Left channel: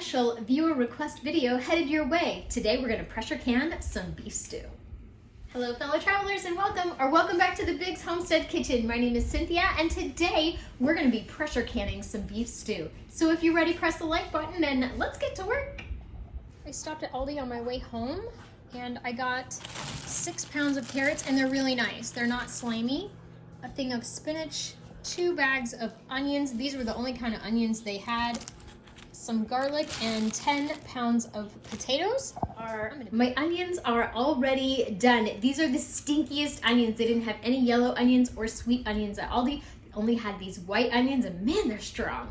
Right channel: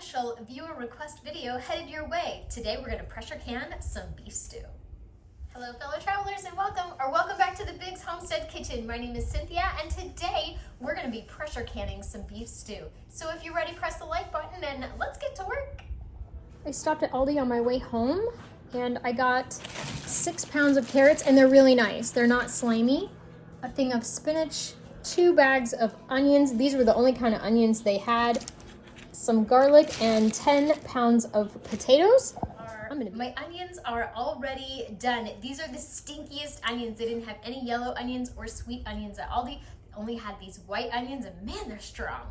special viewer request video headed your way. Today we're going to pressure can some beef stew. Hello fellow travelers and welcome back to the Biggs Homestead Kitchen. My name is Cynthia and today we're going to be pressure canning some beef stew. So if you're ready, press the like button and let's get to work. I stopped at Aldi on my way home and I got 6 pounds of carrots and they're really nice. They're not slimy. A thing of spinach, 2 bags of onions. These were the only kind of onions they had. Some garlic and 10 pounds of potatoes. My onions are already done. These are the stinkiest onions. They didn't have any yellow onions or sweet onions at Aldi. They only had these white onions and man, they're strong.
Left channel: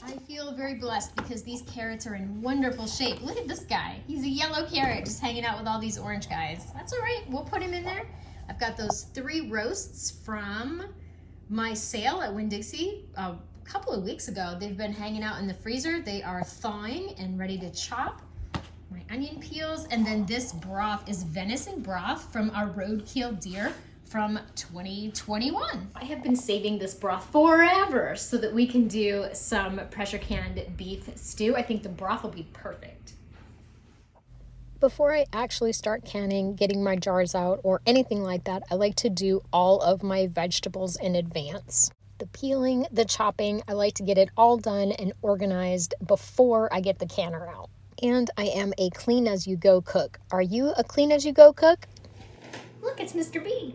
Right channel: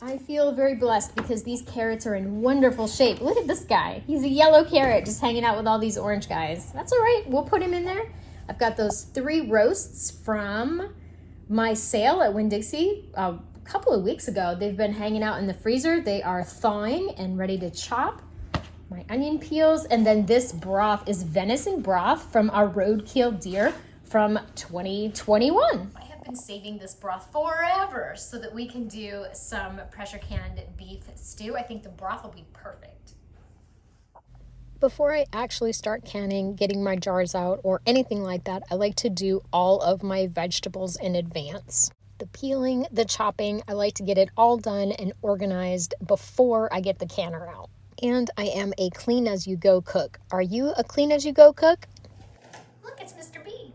I feel very blessed because these carrots are in wonderful shape. Look at this guy. He's a yellow carrot just hanging out with all these orange guys. That's all right, we'll put him in there. I've got those 3 roasts from my sale at Winn-Dixie a couple of weeks ago. They've been hanging out in the freezer. They are thawing and ready to chop. My onion peels, and then this broth is venison broth from our roadkill deer from 2021. I have been saving this broth forever so that we can do some pressure canned beef stew. I think the broth will be perfect. Before I actually start canning, getting my jars out, or anything like that, I like to do all of my vegetables in advance. The peeling, the chopping, I like to get it all done and organized before I get the canner out. And I am a clean-as-you-go cook. Are you a clean-as-you-go cook? Look, it's Mr. B.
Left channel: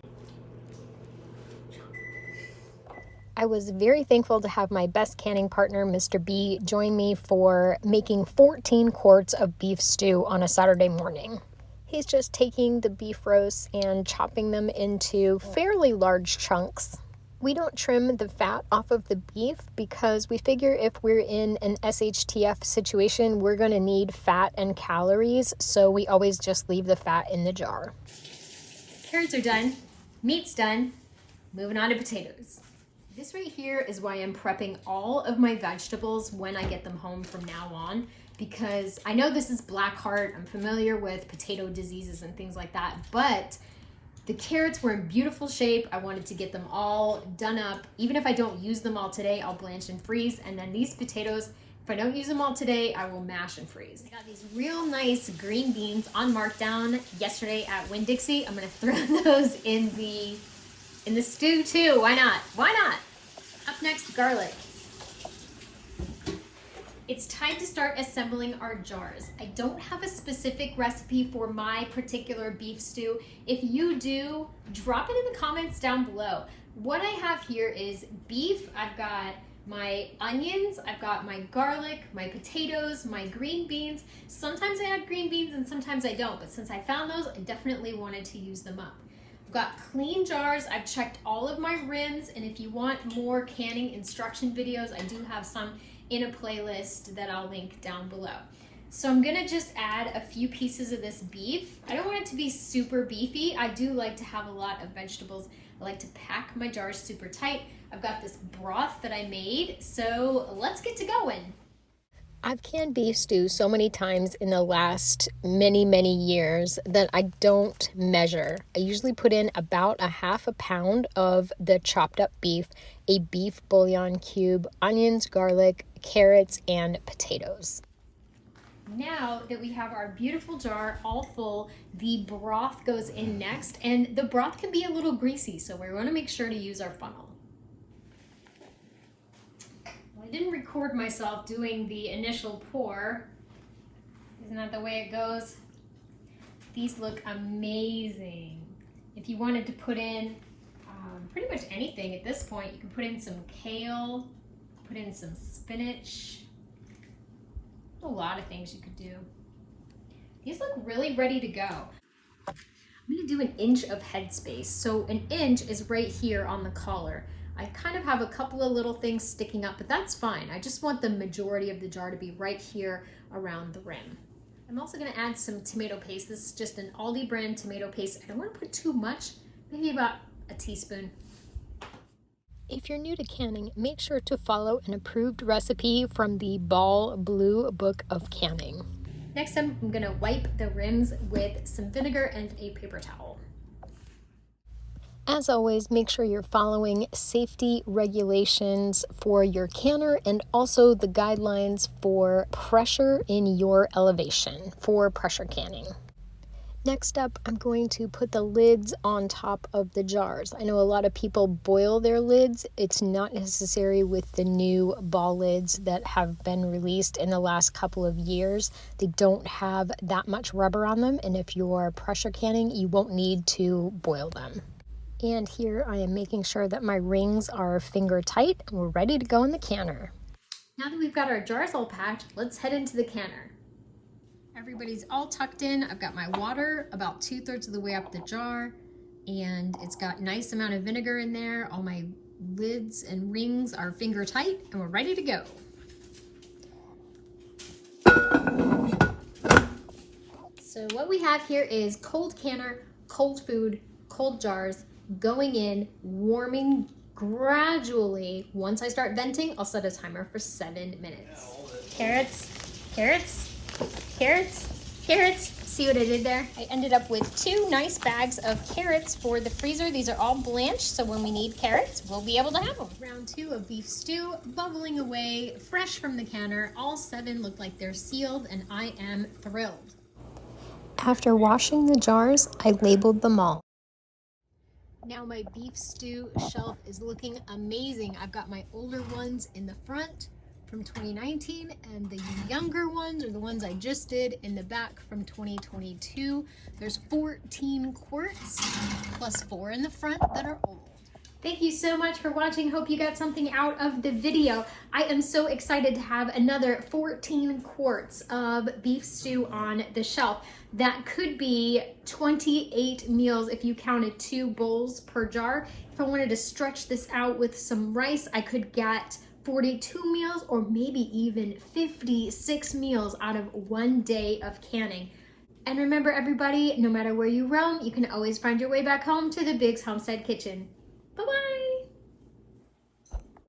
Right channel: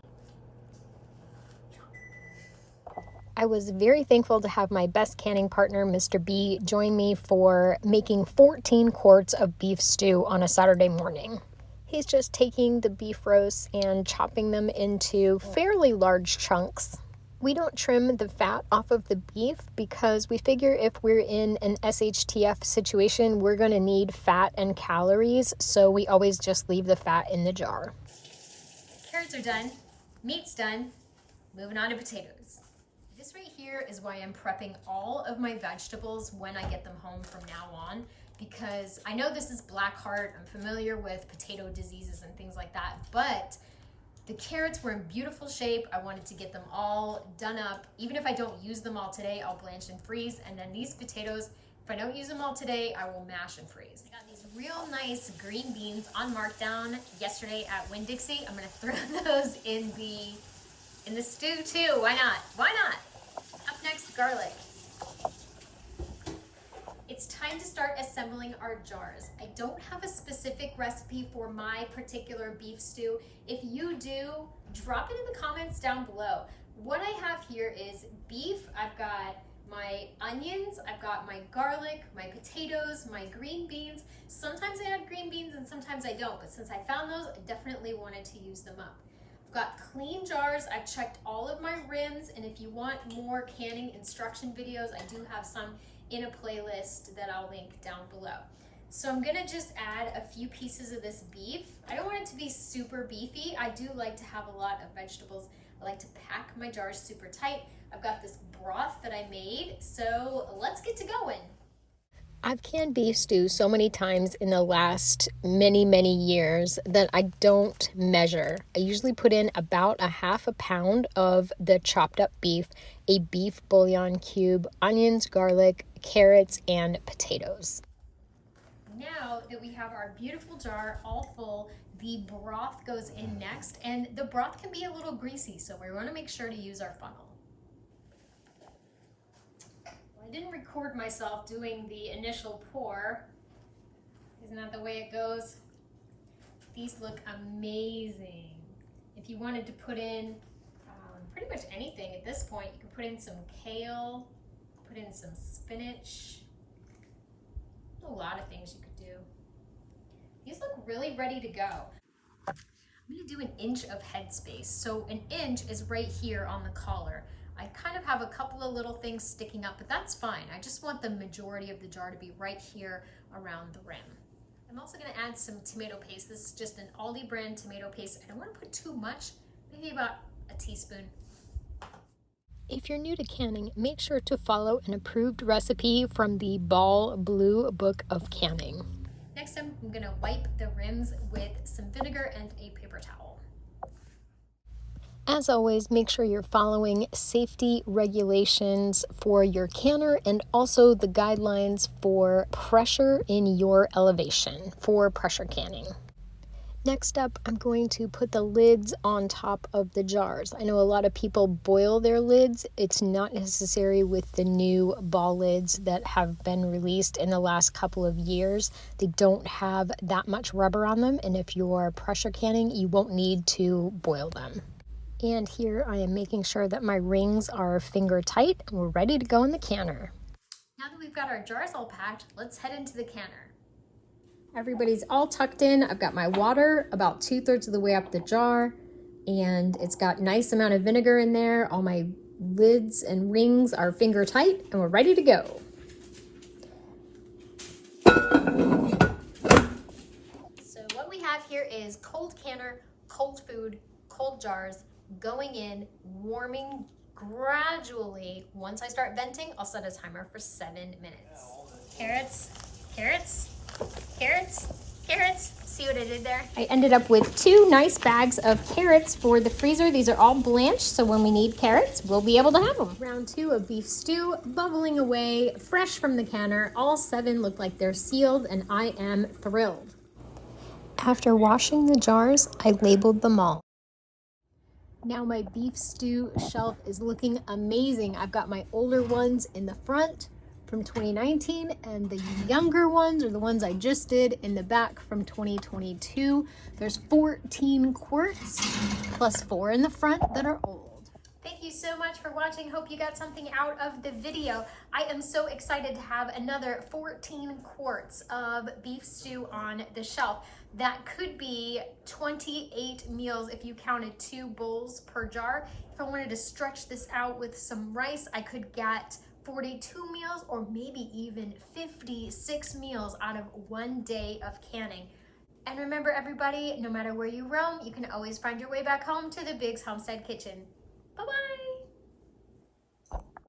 I was very thankful to have my best canning partner, Mr. B, join me for making 14 quarts of beef stew on a Saturday morning. He's just taking the beef roasts and chopping them into fairly large chunks. We don't trim the fat off of the beef because we figure if we're in an SHTF situation, we're going to need fat and calories, so we always just leave the fat in the jar. Carrots are done, meat's done, moving on to potatoes. This right here is why I'm prepping all of my vegetables when I get them home from now on, because I know this is black heart, I'm familiar with potato diseases and things like that, but the carrots were in beautiful shape. I wanted to get them all done up. Even if I don't use them all today, I'll blanch and freeze. And then these potatoes, if I don't use them all today, I will mash and freeze. I got these real nice green beans on markdown yesterday at Winn-Dixie. I'm gonna throw those in the stew too. Why not? Why not? Up next, garlic. It's time to start assembling our jars. I don't have a specific recipe for my particular beef stew. If you do, drop it in the comments down below. What I have here is beef. I've got my onions, I've got my garlic, my potatoes, my green beans. Sometimes I add green beans and sometimes I don't, but since I found those, I definitely wanted to use them up. I've got clean jars. I've checked all of my rims, and if you want more canning instruction videos, I do have some in a playlist that I'll link down below. So I'm gonna just add a few pieces of this beef. I don't want it to be super beefy. I do like to have a lot of vegetables. I like to pack my jars super tight. I've got this broth that I made, so let's get to going. I've canned beef stew so many times in the last many years that I don't measure. I usually put in about a half a pound of the chopped up beef, a beef bouillon cube, onions, garlic, carrots, and potatoes. Now that we have our beautiful jar all full, the broth goes in next, and the broth can be a little greasy, so we want to make sure to use our funnel. I didn't record myself doing the initial pour. Isn't that the way it goes? These look amazing. If you wanted to put in pretty much anything at this point, you can put in some kale, put in some spinach. A lot of things you could do. These look really ready to go. I'm gonna do 1 inch of headspace. So 1 inch is right here on the collar. I kind of have a couple of little things sticking up, but that's fine. I just want the majority of the jar to be right here around the rim. I'm also gonna add some tomato paste. This is just an Aldi brand tomato paste. I don't wanna put too much, maybe about a teaspoon. If you're new to canning, make sure to follow an approved recipe from the Ball Blue Book of Canning. Next, I'm gonna wipe the rims with some vinegar and a paper towel. As always, make sure you're following safety regulations for your canner and also the guidelines for pressure in your elevation for pressure canning. Next up, I'm going to put the lids on top of the jars. I know a lot of people boil their lids. It's not necessary with the new ball lids that have been released in the last couple of years. They don't have that much rubber on them, and if you're pressure canning, you won't need to boil them. And here I am making sure that my rings are finger tight and we're ready to go in the canner. Now that we've got our jars all packed, let's head into the canner. Everybody's all tucked in. I've got my water about 2/3 of the way up the jar, and it's got nice amount of vinegar in there. All my lids and rings are finger tight and we're ready to go. So what we have here is cold canner, cold food, cold jars, going in, warming gradually. Once I start venting, I'll set a timer for 7 minutes. Carrots, carrots, carrots, carrots. See what I did there? I ended up with 2 nice bags of carrots for the freezer. These are all blanched, so when we need carrots, we'll be able to have them. Round 2 of beef stew, bubbling away, fresh from the canner. All 7 look like they're sealed, and I am thrilled. After washing the jars, I labeled them all. Now my beef stew shelf is looking amazing. I've got my older ones in the front from 2019 and the younger ones, or the ones I just did, in the back from 2022. There's 14 quarts plus 4 in the front that are old. Thank you so much for watching. Hope you got something out of the video. I am so excited to have another 14 quarts of beef stew on the shelf. That could be 28 meals if you counted 2 bowls per jar. If I wanted to stretch this out with some rice, I could get 42 meals or maybe even 56 meals out of 1 day of canning. And remember everybody, no matter where you roam, you can always find your way back home to the Biggs Homestead Kitchen.